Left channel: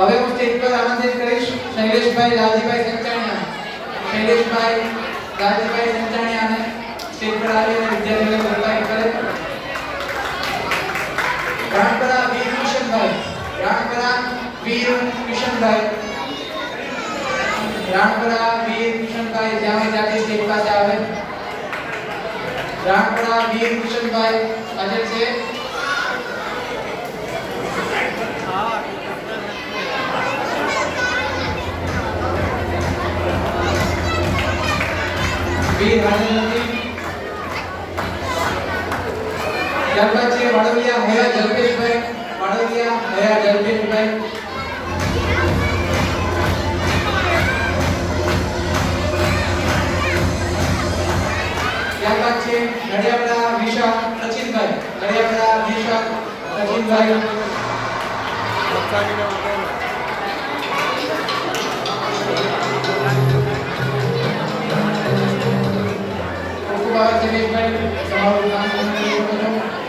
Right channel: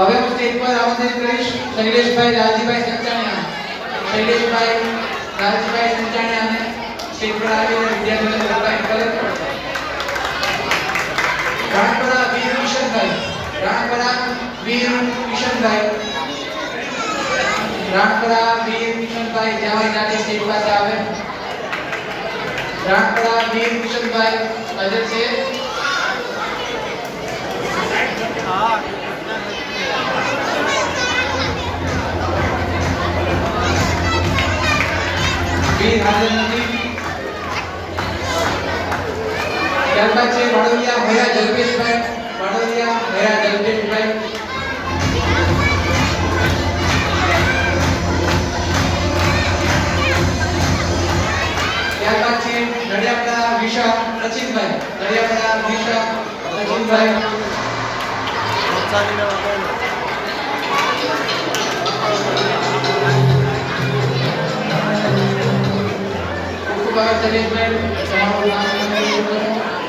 હવે હું સ્ટેજ પર આમંત્રિત કરીશ શૈલેષભાઈ લાલજીભાઈ સંચાણિયા. શૈલેષભાઈ લાલજીભાઈ સંચાણિયાને સ્ટેજ પર આવીને વિદ્યાર્થીઓને સન્માનિત કરે. રાણપરા વીર કિશનભાઈ. રાણપરા વીર કિશનભાઈ. રાણપરા વીર કિશનભાઈ જ્યાં હોય ત્યાંથી સ્ટેજ પાસે આવે. રાણપરા વીર કિશનભાઈ હાજર છે. વીર હાજર નથી. ત્યારબાદ છે વાડોલિયા ભયા જલ્પેશભાઈ. વાડોલિયા ભયા જલ્પેશભાઈ. ત્યારબાદ છે નડિયાપડા વિશા સચિનભાઈ. નડિયાપડા વિશા સચિનભાઈ. ઓકે બાબા શૈલેષભાઈ તમારું નામ નોંધ કરો.